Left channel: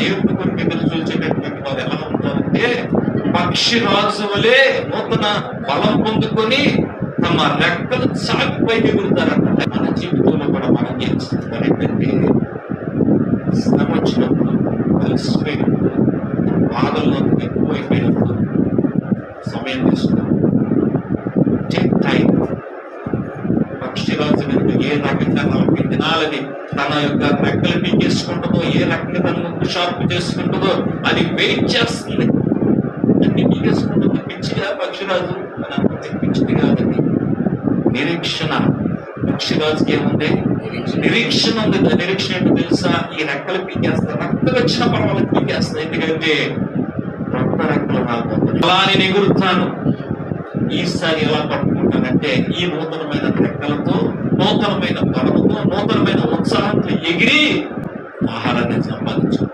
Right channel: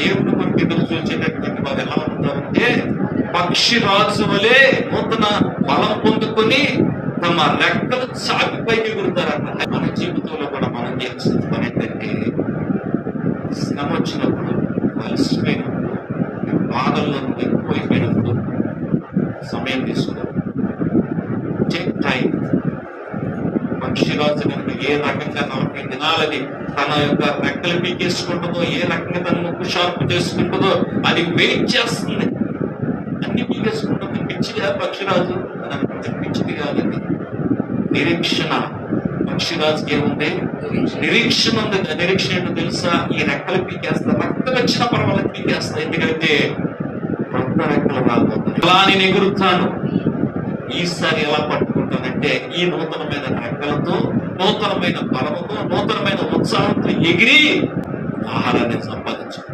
దేవుడి కొరకు ఎదురు చూసేటటువంటి వారు ఎలా ఉంటారంటే పక్షి రాజు వలె నూతన బలం పొందుకొని తమ రెక్కలు చాపి పైకి ఎగురుతారంట. మన జీవితంలో కూడా మనం చేసిన పని ఏంటంటే శ్రమ వచ్చినప్పుడు, అలసిపోయినప్పుడు, బాధల్లో ఎక్కువైపోయినప్పుడు సమయం తీసుకున్నాం. పక్షిరాజు ఏ రకంగా మనకి తినాలని తన యొక్క రెక్కలు పీకేసుకుంటుందో, ఏ రకంగా తన ముక్కు షార్ప్ చేసుకుంటుందో అది వెయిట్ చేస్తుంది. అన్ని పీకేసుకుంటుంది. పిచ్చిగా పక్షిరాజు అని అనుకుంటే పిచ్చిది కాదండి. నిరీక్షణ పక్షిరాజుకి ఏముంది? నిరీక్షణ ఉంది. నిరీక్షణ ఏంటో తెలుసా? ఈ రెక్కలు పీకేస్తా, రక్తం వచ్చిన పర్వాలేదు పీకేస్తా. ఎందుకంటే రక్త రెక్కలు రాబోతుంది. అలా నేను ఎగురుతాను. ఈసారి ఎలా పట్టుకుంటానంటే ఈ నూతనమైన రెక్కలతో, నూతనమైన బలముతో, నూతనమైన ఉత్సాహంతో ఎగిరి ఆహారాన్ని సంపాదించాను.